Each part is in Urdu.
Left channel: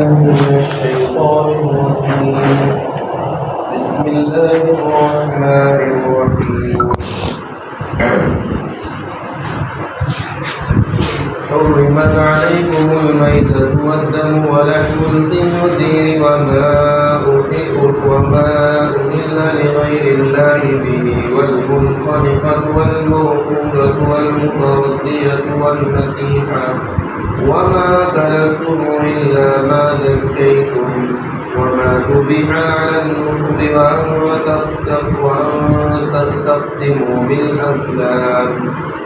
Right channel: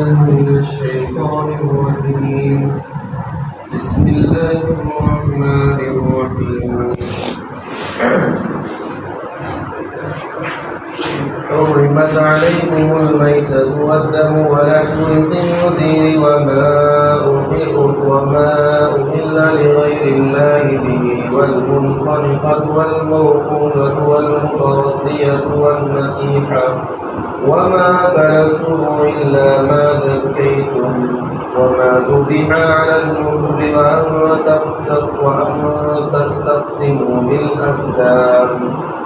من الشيطان الرجيم. بسم الله الرحمن الرحيم. حرمت عليكم الميتة والدم ولحم الخنزير وما أهل لغير الله به والمنخنقة والموقوذة والمتردية والنطيحة وما أكل السبع إلا ما ذكيتم وما ذبح على النصب وأن تستقسموا بالأزلام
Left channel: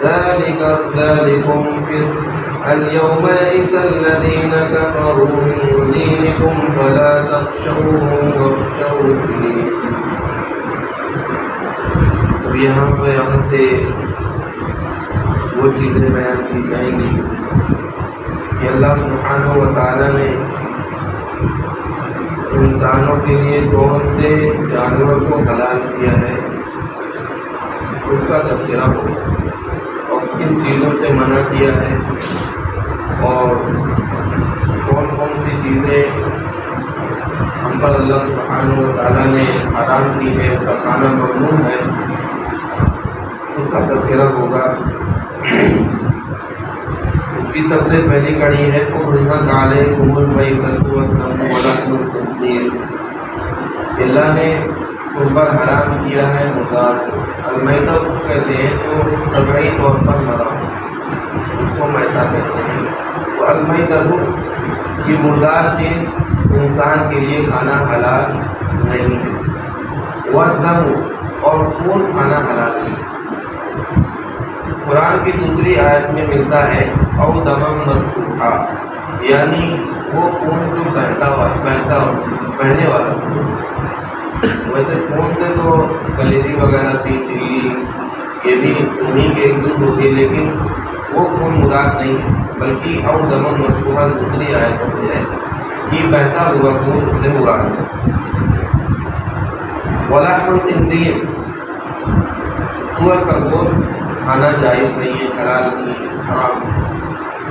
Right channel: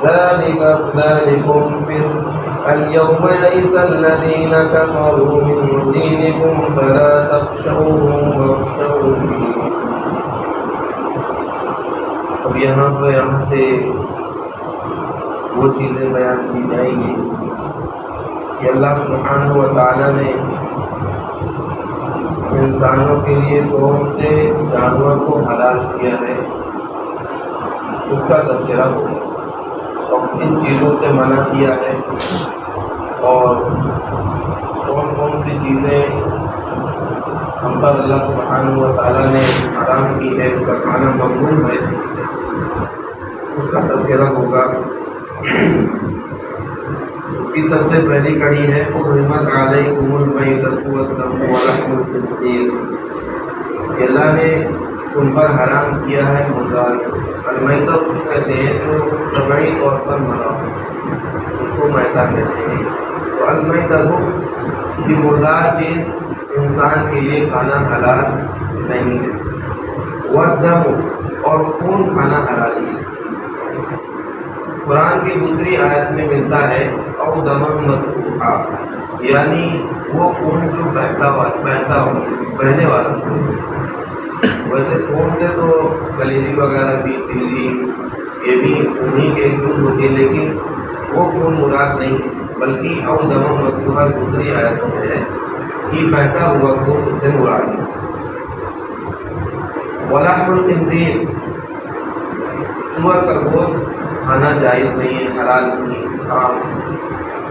ذلكم فسق. اليوم يئس الذين كفروا من دينكم فلا تخشوهم واخشوني. اب یہاں سے وہ چیزیں بیان کی جائیں گی کہ اللہ سبحانہ و تعالیٰ نے انسانوں کے لیے کون سے جانور کو حلال کیا ہے اس کا تذکرہ ہو اور کن چیزوں سے منع کیا ہے اور کون کون سی چیزیں ہم پر اللہ سبحانہ و تعالیٰ نے حرام کی ہے، اس کا کھانا ممنوع ہے، اس کا تذکرہ ہوگا۔ اس کی سب سے پہلی کڑی ہے حرمت علیکم المیتۃ والدم ولحم الخنزیر، اللہ نے تم پر حرام کیا ہے مردار کو۔ المیتہ اس کو کہتے ہیں جو طبعی طور پر مرا، اس کو میتہ کہتے ہیں۔ تو المیتہ یہ مردار چیز انسان کے لیے کھانا حلال نہیں ہے۔ والدم اور خون کھانا حلال نہیں ہے۔ قرآن کی دوسری آیت میں ملتا ہے او دمم مسفوحا، یعنی وہ خون جو بہنے والا خون۔ ویسے خون سے تو کلیجی وغیرہ بھی تیری یہ بھی انہیں کے ایک دودھ ہوتی ہے، لیکن وہ خون مراد نہیں بلکہ او دمم مسفوحا دوسری آیتوں میں ہے کہ بہتا ہوا خون اس سے مراد ہے۔ ولحم الخنزیر، سور کا گوشت کھانا جائز نہیں ہے، حلال نہیں ہے، حرام۔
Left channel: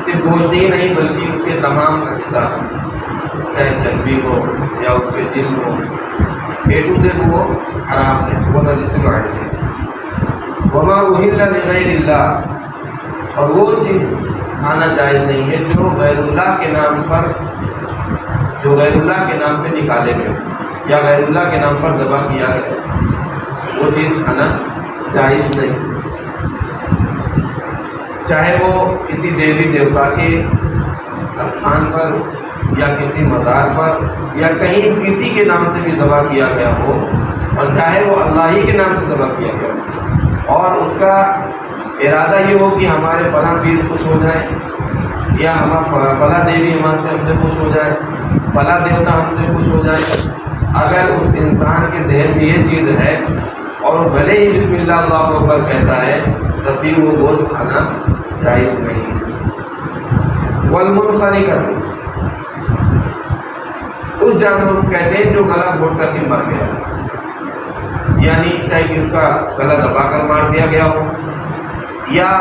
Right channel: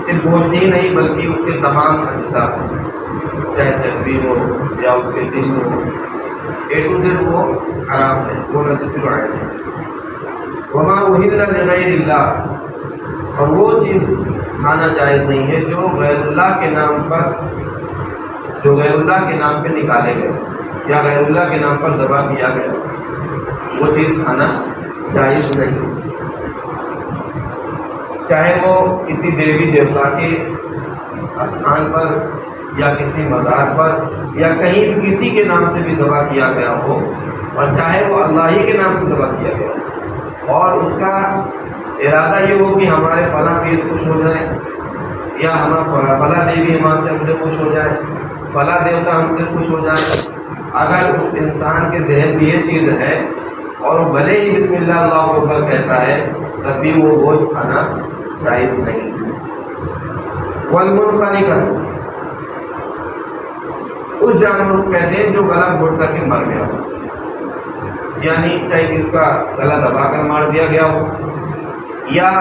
صرف گوشت ہی نہیں بلکہ اس کے تمام اجزاء، چاہے چربی ہو یا اس کے دل ہو، اے ٹو زیڈ وہ حرام ہے، وہ نجس معین ہے۔ وما اہل لغیر اللہ، اور وہ چیز کھانا جائز نہیں ہے جو غیر اللہ کے نام پر نکالے گئے یا غیر اللہ کے نام پر ذبح کیا گیا، وہ چیز کھانا جائز نہیں، چاہے وہ کسی دیوی دیوتا کے استھان پر یا کسی مزار پر یا کہیں کسی کے نام سے بھی ذبح کیا گیا ہو، اور چاہے وہ اللہ ہی کے نام سے ذبح کیا گیا ہو، اور اس کا ارادہ یہ ہو کہ ہمارے فلاں پیر خوش ہو جائے یا فلاں دیوی ماں سے ہم سے خوش ہو جائے، فلاں دیوتا ہم سے خوش ہو جائے، اگر اس انسان کے ذہن میں یہ چیز ہے اور بھلے ہی بسم اللہ اللہ اکبر کہتا ہے تب بھی وہ گوشت کھانا جائز نہیں۔ والمنخنقہ، اس جانور کو کہتے ہیں جو گلا گھوٹ کر کے مر گیا، یعنی چاہے کہ اس کا گلا دبا کر مار دیا گیا ہو یا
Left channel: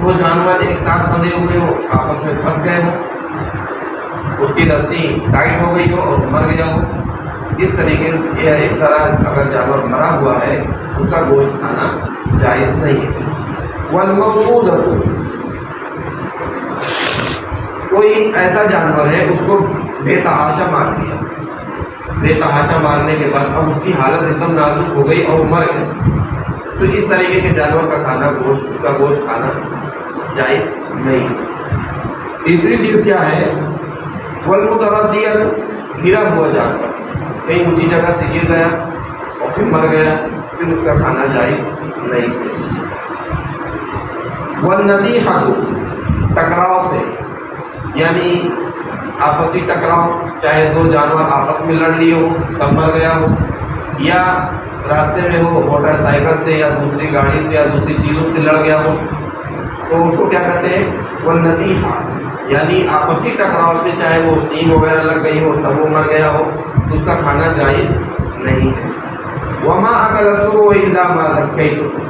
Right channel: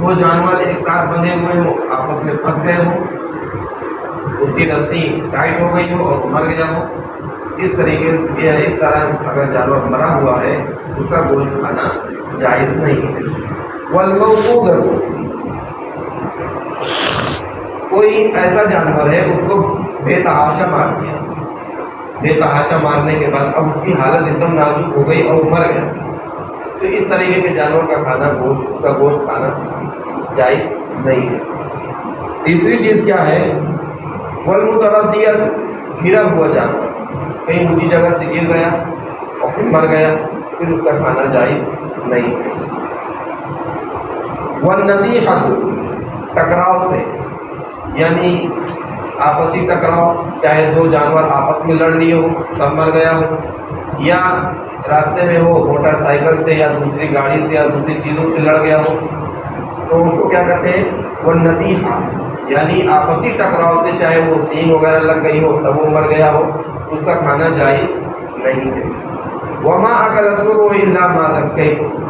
وہ جانور ایک ساتھ بندھے ہوئے ہو، آپس میں پھنس گئے ہو، اس کی رسی ٹائٹ ہو گئی ہو اور مر گیا ہو، اس طریقے یا اس طرح اگر جانور مرا ہوا ہے اس کا گوشت کھانا جائز نہیں ہے۔ والموقوذہ، کوئی ایسا جانور ہے اس کو بے تحاشا مار دیا، بے تحاشا مارنے کے بعد اب اس کی حالت ایک دم نازک ہو گئی اور مر گیا، تو اس طریقے کے جانور کا کھانا گوشت کھانا جائز نہیں ہے۔ تیسری چیز کیا ہے؟ والمتردیہ، گرا ہوا جانور، کہیں اونچی جگہ سے گر گیا اور پھر مر گیا، پھر اس کا کھانا جائز نہیں ہے۔ والنطیحہ، ٹکراؤ سے، یعنی آپسی ٹکراؤ، چاہے دو جانور آپس میں لڑ لیے ہو تب مر گیا ہو، یا راستے میں ہو موٹر سائیکل سے یا دوسری گاڑی سے یا دوسری چیزوں سے لڑ گیا ہو، تو اس کو کیا کہتے ہیں؟ والنطیحہ، یعنی آپسی ٹکراؤ سے چاہے وہ سینگ وغیرہ لگ گئی ہو تب وہ مر گیا ہو تو اس کا کھانا جائز نہیں ہے۔ وما اکل السبع الا ما ذکیتم،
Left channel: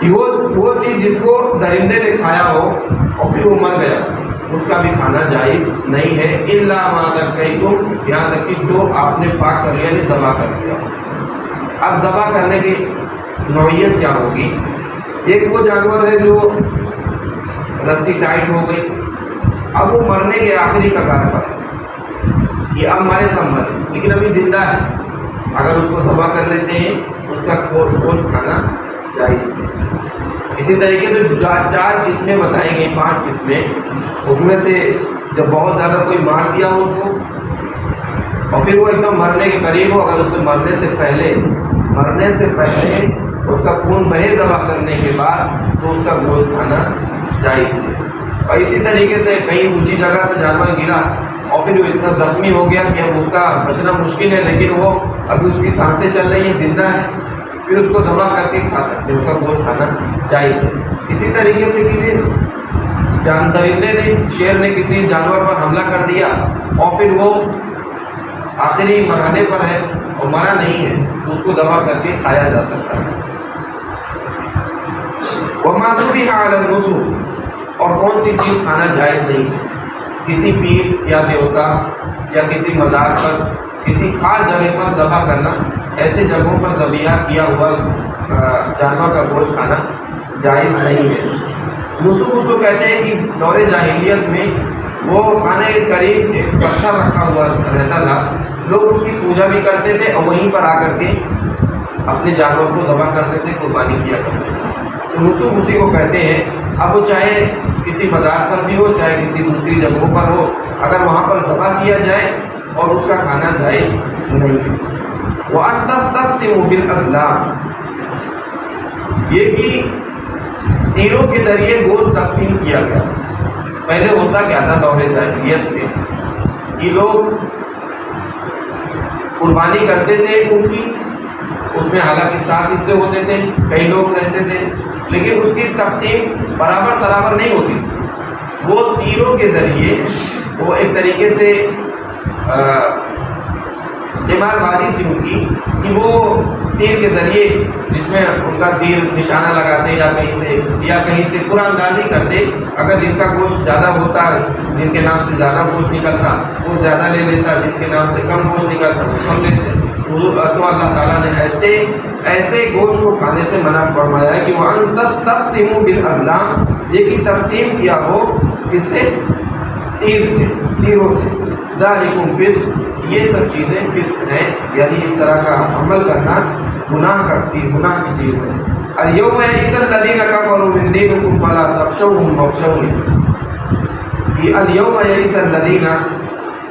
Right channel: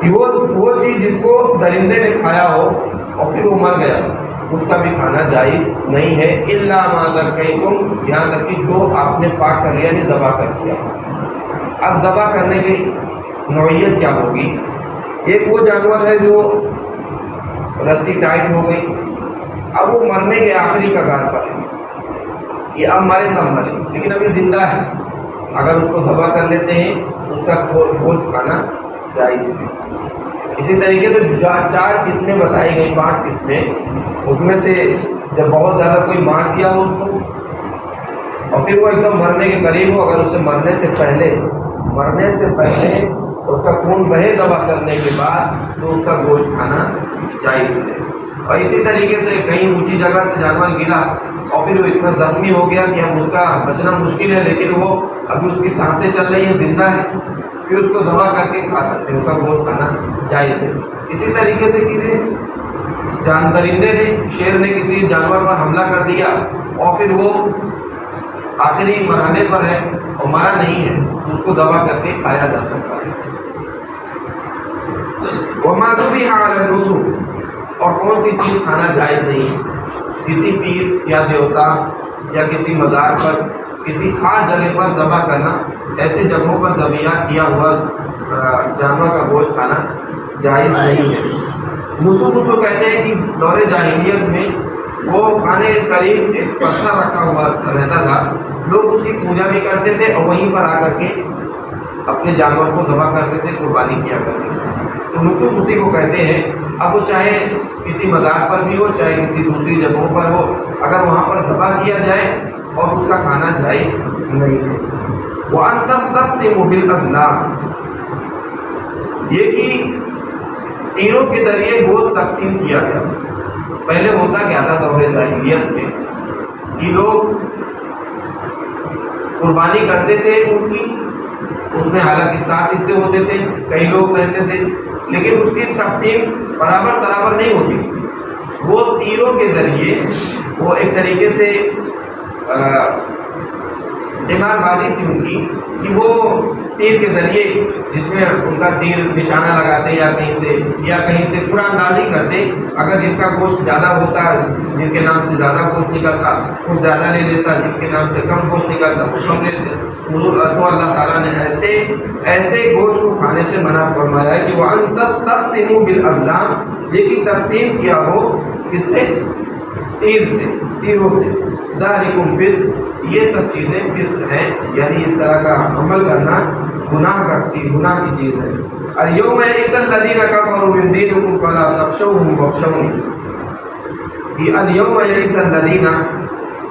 کہ وہ چیز جس کو درندے نے کھایا ہو اور پھر وہ مر گیا، اس کا بھی کھانا جائز نہیں ہے، الا ما ذکیتم، یہاں تک کہ جو آپ نے پاک کر لیا، یعنی ذبح کر دیا۔ اب ذبح کرنے کی نوعیت کیا ہوگی؟ ایک وہ جانور ہے جو رسی ٹائٹ ہو گئی، اب وہ مرنے کے آخری کگار پر ہے، یہ اب مرے تب مرے لیکن ابھی زندہ ہے، اگر اس کو ذبح کر لیتے ہیں اس کا گوشت کھانا جائز ہے۔ اسی طریقے سے 4 قسمیں بتائی گئی، 5 قسمیں، اس میں سے جب بہت زیادہ کوئی مار دیا ہو اس کو اور پھر وہ ایک دم مرنے کے قریب ہو، اگر اسے مرنے سے پہلے اس کا خون بہے ذبح کرنے کے بعد تو اس کا گوشت کھانا جائز ہے۔ اور اسی طریقے سے کہیں اونچی جگہ سے جانور گرا اور پھر وہ اتنا زخمی ہو گیا کہ اب اس کا بچنا مشکل ہے، لیکن وہ ابھی اس کی سانسیں چل رہی ہیں، زندہ ہے، پھر اس کو ذبح کر کے کھا سکتے ہیں، اس کا گوشت کھانا جائز ہے۔ اسی طریقے سے کسی درندے نے، شیر نے کسی جانور پر حملہ کر دیا اور پھر وہ آخری مرحلے پر ہے اور مرا نہیں ہے تو اس کو ذبح کر کے کھایا جا سکتا ہے۔ وما ذبح علی النصب، اور کون سی چیز کھانا جائز نہیں ہے؟ کسی پیر یا دیوتا یا کسی مزار پر کسی خاص جگہ پر ذبح کرنا، ایسے جگہوں پر ذبیحہ کیا ہوا جانور کا گوشت کھانا جائز نہیں ہے۔ نصب اس کو کہتے ہیں کہ دور جاہلیت میں وہ کھانے کے قریب ایک پتھر رکھا ہوا رہتا تھا، لوگ اس کی پوجا بھی کرتے تھے اور وہیں پر آ کر کے اپنے جانور کو ذبح کرتے تھے، قربانی کیا کرتے تھے، تو نصب اسی کو کہتے ہیں۔ اب وہ چاہے کسی مزار پر بھی ہو، چاہے کسی دوسری جگہوں پر ہو، اگر وہاں پر ذبح کیا جائے اور اس کا کھانا جائز نہیں ہے۔ وَأَن تَسْتَقْسِمُوا بِالْأَزْلَامِ، یہ کہ تیروں کے ذریعے گوشت تقسیم کیا گیا۔ پہلے ہوتا کیا تھا دور جاہلیت میں کہ لوگ قربانی کرتے تھے ان کی، اس میں حالانکہ 7 حصے ہوتے تھے، کئی لوگ رہتے تھے، لیکن اس کی تقسیم برابر سرابر نہیں ہوتی۔ وہ تیروں کے ذریعے وہ ایک طریقے سے دماغ بازی تھی ان کی کہ وہ تیر کے ذریعے، جس میں ان کا تیر نشانہ لگاتے یا کہیں سے قرآن اندازی کرتے، اگر جن کا گوشت زیادہ ہوتا، جن کے نام سے زیادہ گوشت نکلتا وہ زیادہ لے لیتا، جن کے نام سے کم گوشت نکلتا وہ کم لیتے۔ تو اللہ تعالیٰ نے ایسے گوشت کو کھانے سے منع فرمایا کہ وَأَن تَسْتَقْسِمُوا بِالْأَزْلَامِ، یہ کہ تقسیم کیا ہو کس سے؟ تیروں سے۔ ذَلِكُمْ فِسْقٌ، یہ سب چیزیں فسق ہیں، یعنی اس طرح کا عمل کرنا گناہ کی چیز ہے۔ اليوم يئس الذين كفروا من دينكم فلا تخشوهم واخشوني، یہ اليوم يئس الذين،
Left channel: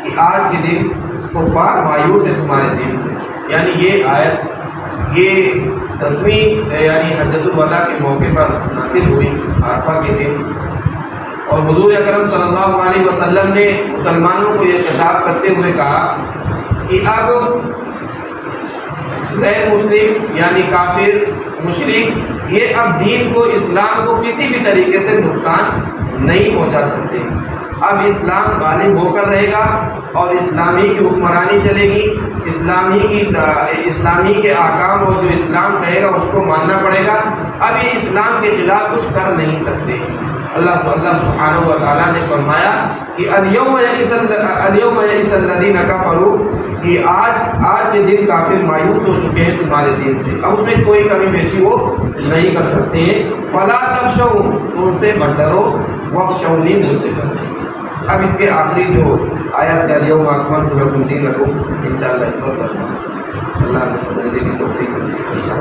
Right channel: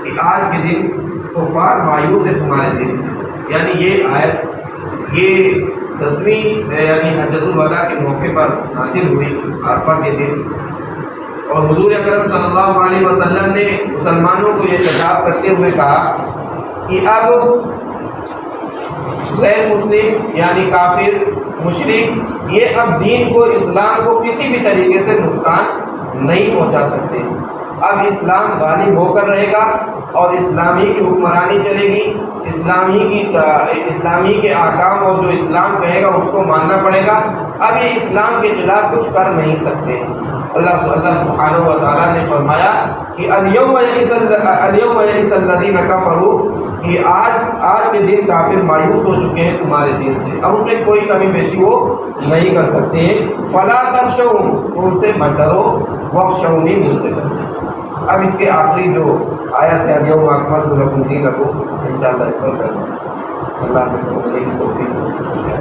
کہ آج کے دن کفار مایوس ہے تمہارے دین سے، یعنی یہ آیت یہ 10ویں یعنی حجۃ الوداع کے موقع پر نازل ہوئی، عرفہ کے دن، اور حضور اکرم صلی اللہ علیہ وسلم نے مسلمانوں کو یہ خطاب کرتے ہوئے کہا کہ اب غیر مسلم یعنی کافر مشرک یہ اب دین کو، اسلام کو کسی بھی طریقے سے نقصان نہیں پہنچا سکتے۔ اب اسلام غالب ہو کر رہے گا اور اسلامی کی حکمرانی چلے گی، اسلامی کے احکام اور جو اسلام کہے گا اس کو ماننا پڑے گا۔ اب یہ اسلام کے خلاف کچھ کر نہیں سکتے۔ اللہ سبحانہ و تعالیٰ نے فرمایا کہ اليوم یئس الذین کفروا، کہ آج کے دن کافر مایوس ہو چکے ہیں تمہارے دین سے، اب اس میں کوئی کمی بیشی وہ نہیں کر سکتے ہیں۔ فلا تخشوا، ان سے مت ڈرو، واخشونی، مجھ سے ڈرو۔ اب اس کے آخری جو آیت ہے اليوم اکملت لکم دینکم، انشاءاللہ اس پر کرنا اللہ نے سمجھنے کی توفیق نصیب کرے۔